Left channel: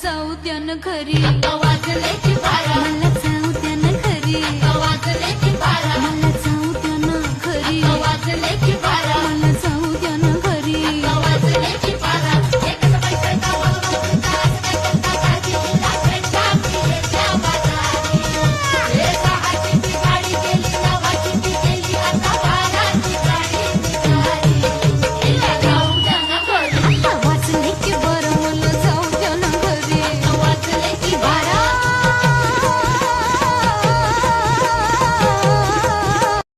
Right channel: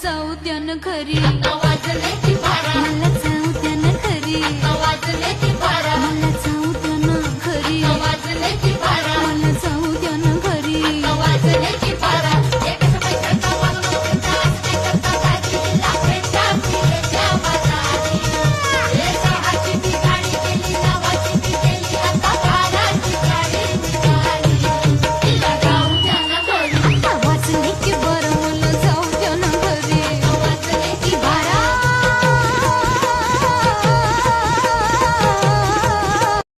जाऊ द्या न घरी, वाजले की बारा, मला जाऊ द्या न घरी, वाजले की बारा, मला